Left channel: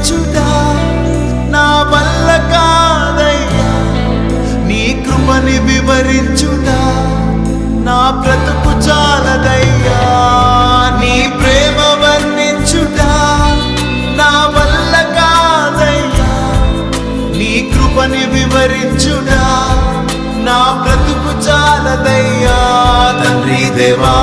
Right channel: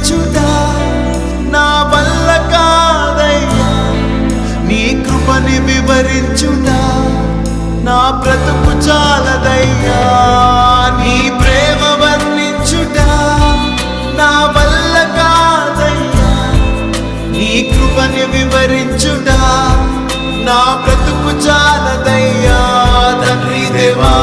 స్తుతించుట నా వల్ల కాదయ్యా, నీ కృపని వివరించుట నా బ్రతుకు చాలదయ్యా, నీ ప్రేమ వర్ణించుట నా వల్ల కాదయ్యా, నీ కృపని వివరించుట నా బ్రతుకు చాలదయ్యా. తండ్రి దేవా